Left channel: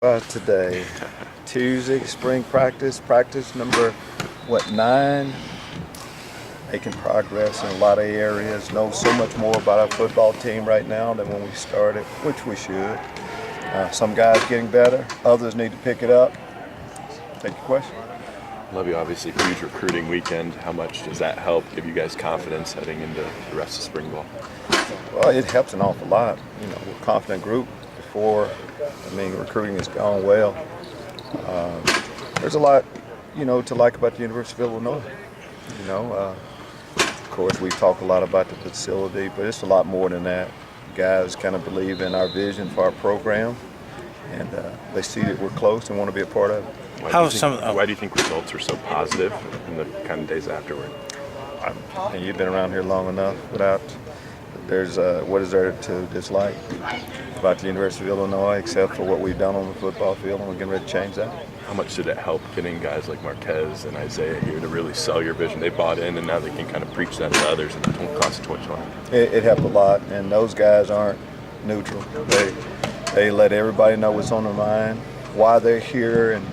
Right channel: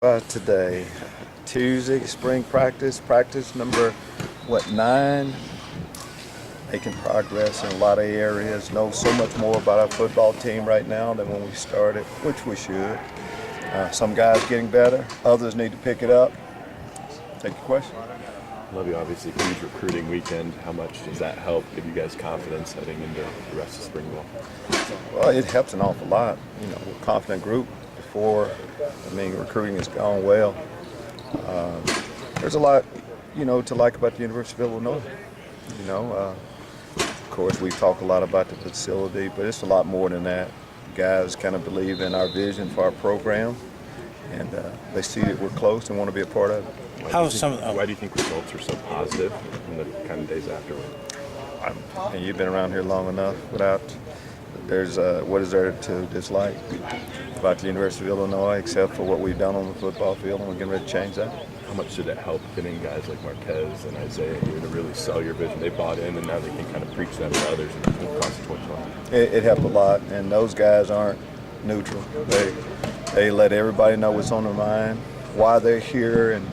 Today, Tuesday, spring practice number, 9? Making progress in a lot of areas. Know so much more about our football team right now than when we started, which we should. Some guys getting better, others need to pick it up. Take your question. Lovie, obviously, huge recruiting weekend. How much does that help give you guys confidence heading into the rest of spring ball? Well, it helps an awful lot. We're a confident group. Recruiting has gone well. There's a lot, to like about the University of Illinois. Of course, we talk a lot about the facility, but it's a lot more than that. Guys kind of believe in our vision for our program, and they see that we're close and want to be a part of it. Why do you think results are so positive in the kind of days afterward? And you've been around here long enough what is there to dislike about the University of Illinois except for what we've done on the football field, and we're getting ready to change that. How much did it help getting guys like Marquez and Isaiah here to really sell your vision? They bought in, and now they can kind of preach that to others in the class of 2020. It helped a lot, and those guys aren't neutral. They let everybody know what's on their mind, why they're here, and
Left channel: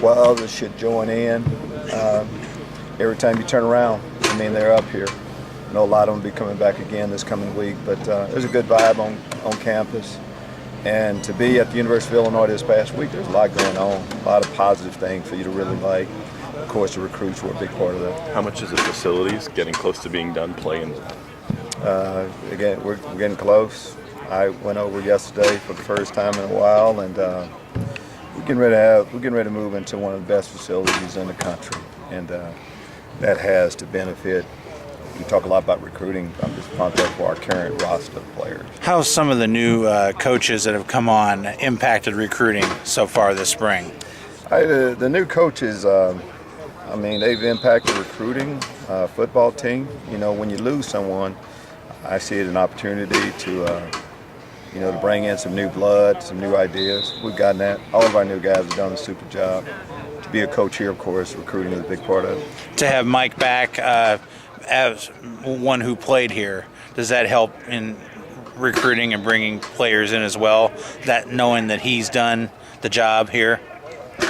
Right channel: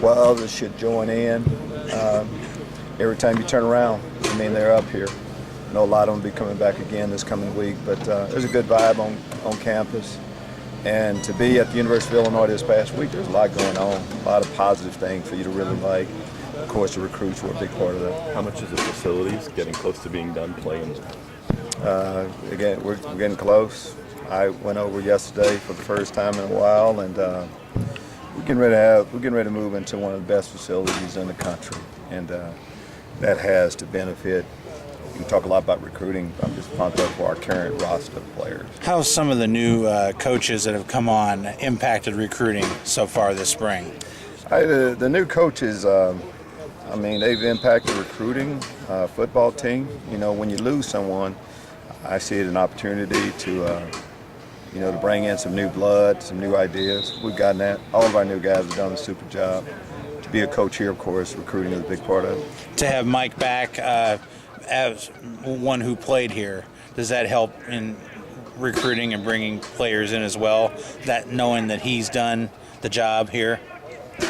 why others should join in. Every time you turn around, they're up here. I know a lot of them will be coming back again this coming week, but there's a good vibe on campus. And to be at the University of Illinois this past week, there's a lot going on, a lot of positive things for you to really like. Of course, the recruits were a big part of that. How much is the facilities getting close to being done playing? Again, we're getting close. I went over yesterday for the first time in a while, and we're getting ready to move into one of the best facilities in the country, and that has to benefit. We talk a lot about recruiting. I'm just pumped up for our current roster of players. How have some of the new coaches that have come on impacted recruiting so far this spring? The new coaches, they've impacted recruiting, football team. When you lose someone, I see it an opportunity to bring in some new blood, some new ideas. We've gotten that. All of our new guys have done a super job. To be a coach here, of course, recruiting is a big part of it. To have Mike back as one who played here, does that help in recruiting and bringing players in as well, that knowing that he's done the job here?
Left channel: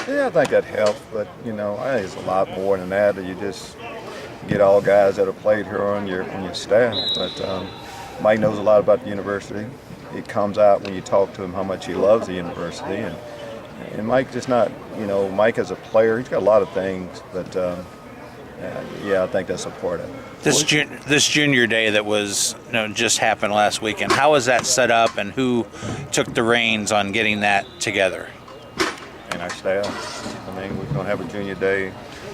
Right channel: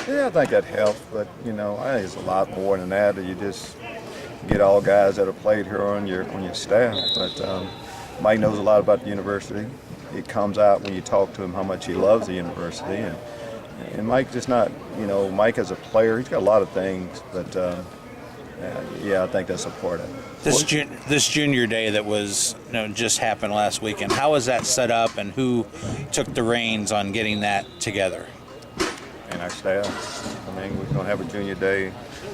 Yeah, I think that helps, but I think it's a lot more than that. You just get all guys that have played here on your staff. But Mike knows a lot about the university. It comes out when you talk to him how much he loves the university, and Mike just not, Mike as a player, he's got a lot of things, but I think that's a part of it. This junior day that was just happened last weekend, how was that set up, and who took the reins on getting that together? And our staff. We're going to have a junior day.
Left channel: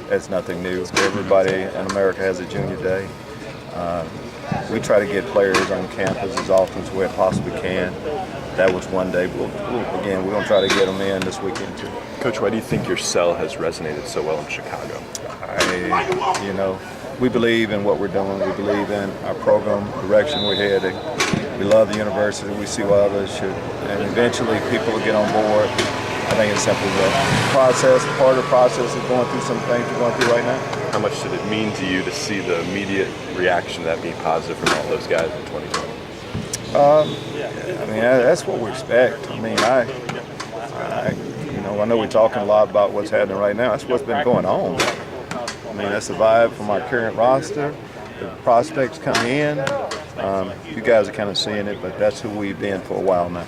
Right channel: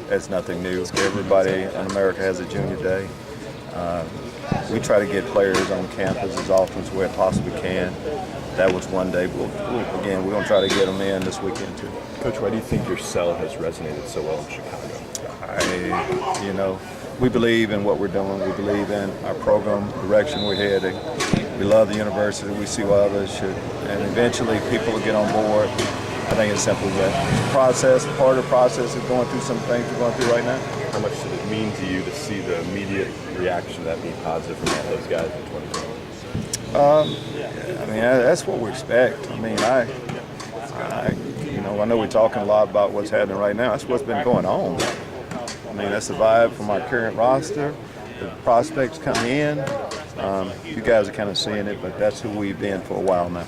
That's nothing new. Everybody in America has a junior day. We try to get players on campus as often as we possibly can. That was one day. We're going to try to get them in this weekend too. Coach, why do you think your cell has resonated so well in Chicago? We believe in what we're doing. We believe in our program, direction we're heading. We love the university. We see why others should. And eventually people will get on board. I think it's simple as that. Part of the process is going through some things we're going through right now. How much did it mean to you to see the immediate reaction to that being positive from all those guys in 2020? That's what we expect. I know we're talking a lot about what's happening right now. That's what's been going on. That's the vibe from our current roster. The prospects come in. You guys are kind of seeing it, but that's who we've been for a while now.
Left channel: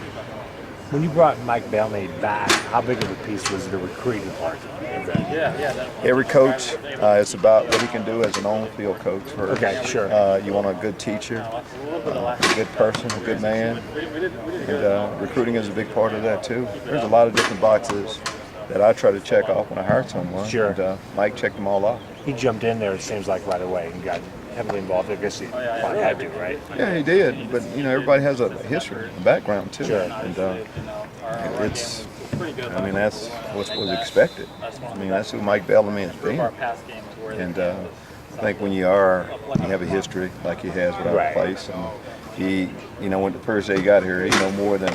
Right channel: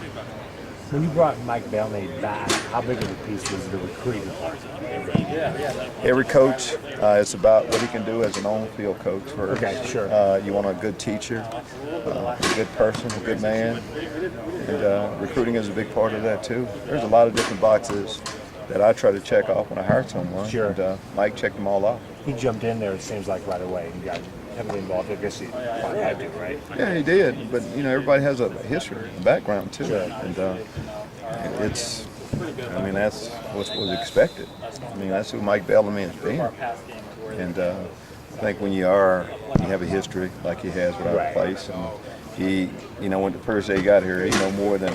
When you brought Mike Bellamy back, how big of a piece was the recruiting part? Every coach, it's about what he can do as an on-field coach. Okay, sure. You want a good teacher, a good person, a good man, and recruiting is a big part of that too. There's a lot of different boxes that I try to check off when I hire someone. Sure. And Mike checked them all off. He jumped in there, it semes like, right away and got heavily involved. I guess he probably had to, right? Yeah, he did. But everybody has a history, a background too. Sure. And that's what was expected. That's who Mike Bellamy has been. And I think when you have a history like he has with our place, and he, when the first day he got here, he know more than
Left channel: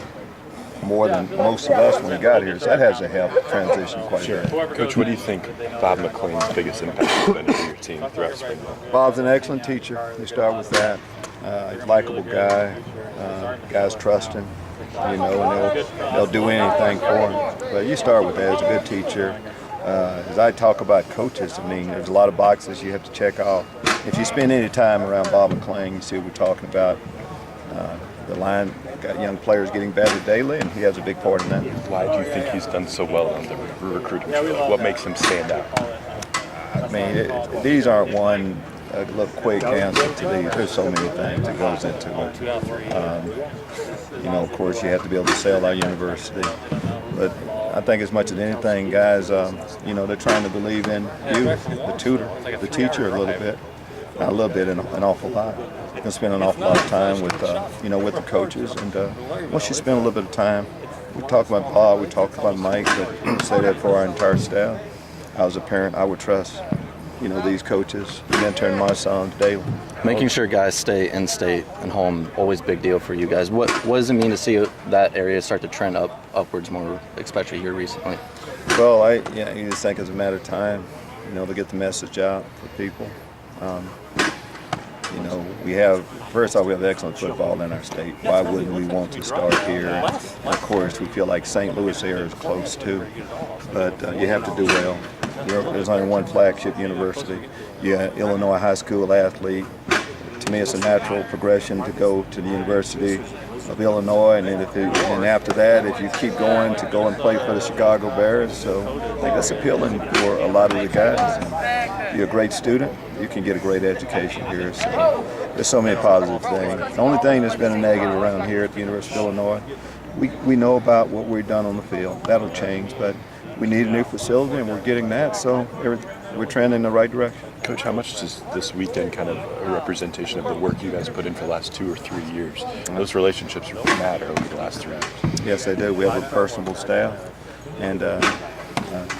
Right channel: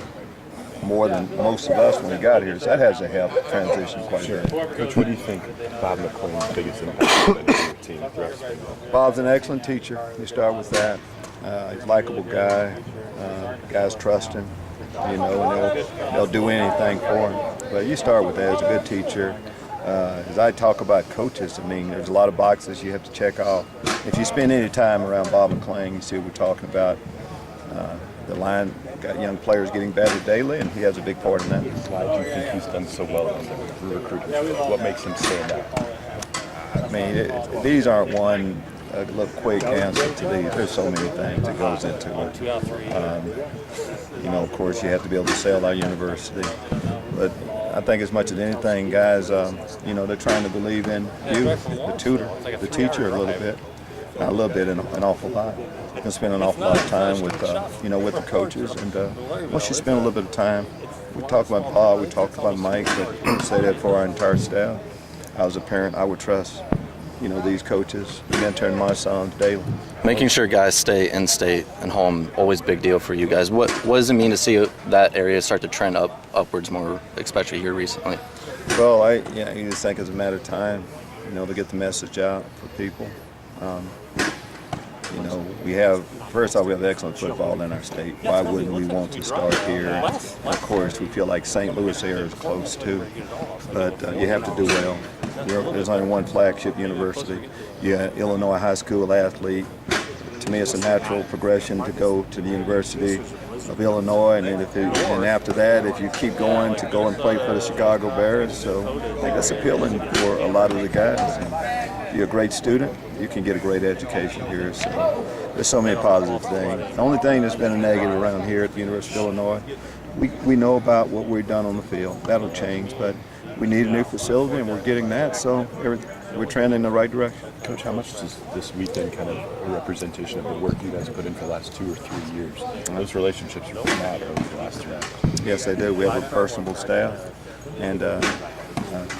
most of us when he got here. So that has to help transition quite a bit. Coach, what do you think Bob McLean's biggest impact has been on your team throughout spring? Bob's an excellent teacher. We start with that. He's a likable guy. Guys trust him. you know, and they'll do anything for them. But you start with that as a good teacher. As I talk about coaches, I mean, there's a lot of boxes you have to check off. If you spend any time around Bob McClain, you see what we're talking about. The line got young players getting better daily, and he has a big part in that. Why do you think he's done so well on the recruiting field? What makes him stand out? I mean, these aren't one little quick answer to these. There's so many things that goes into it. You know, of course, you have to be able to sell our university. But I think as much as anything, guys, you know, they're trying to believe in you, the tutor, the teacher a little bit. Not a little bit, an awful lot. You can spend an awful lot of time with, you know, with the coaches. And once you spend a little bit of time, we talk about Bob, we talk about Mike, but we say that for our entire staff. I was a parent, I would trust, you know, these coaches, mentoring my sons daily. Making sure guys stay in state and home, always big deal for you guys. What does it mean to see that area start to trend upwards more, especially here recently? Well, I just think it's a matter of time, you know, to get the message out for people. You know, first off, we have excellent football in our state. Why wouldn't we want to start here? And of course, we feel like St. Louis here is close too, but you have to do well. There's only one flagship university. You got Illinois high school athlete. To me, it's a natural progression to go to the University of Illinois, and then after that, if you keep going, to go and play for the Chicago Bears. So I think that's appealing for a lot of the guys. And you're a great student, you can get a great education here. So there's so many positive things. The only thing that's been a negative around here at the University of Illinois, we know about what we've done on the field. That'll change, but we need a new facility, and we're getting that. So we're trending in the right direction. Coach, how much is this weekend kind of a representation of the work you guys put in for the last 2 or 3 years? Those relationships matter over the last 3 years. Yes, they do. We have a personable staff, and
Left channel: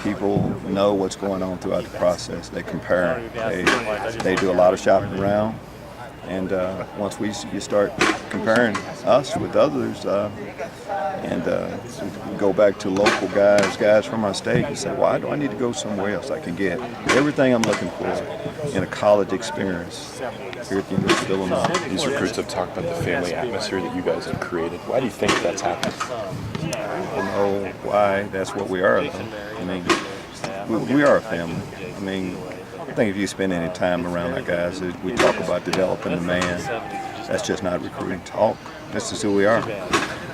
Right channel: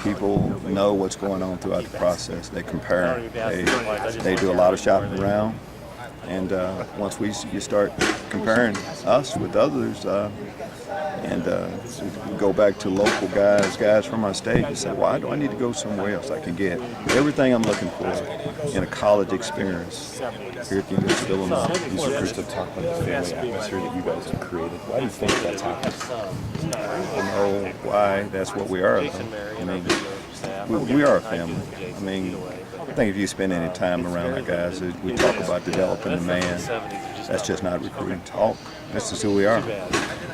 people know what's going on throughout the process. They compare. They do a lot of shopping around, and once you start comparing us with others, and so we go back to local guys from our state, you say, why do I need to go somewhere else? I can get everything I'm looking for in a college experience here at the University of Illinois. These recruits have talked about the family atmosphere that you guys have created. Why do you think that's happened? I don't know why. That's what we are, though. I mean, we are a family. I mean, I think if you spend any time around our guys, we talk about developing the man. That's just not recruiting talk. That's just who we are.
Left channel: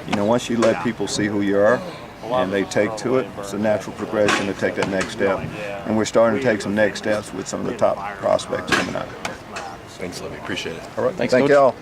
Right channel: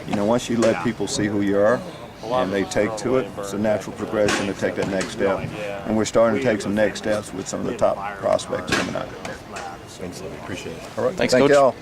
You know, once you let people see who you are and they take to it, it's a natural progression to take that next step. And we're starting to take some next steps with some of the top prospects coming out. Thanks, Lovie. Appreciate it. All right. Thanks, Thank Coach. y'all.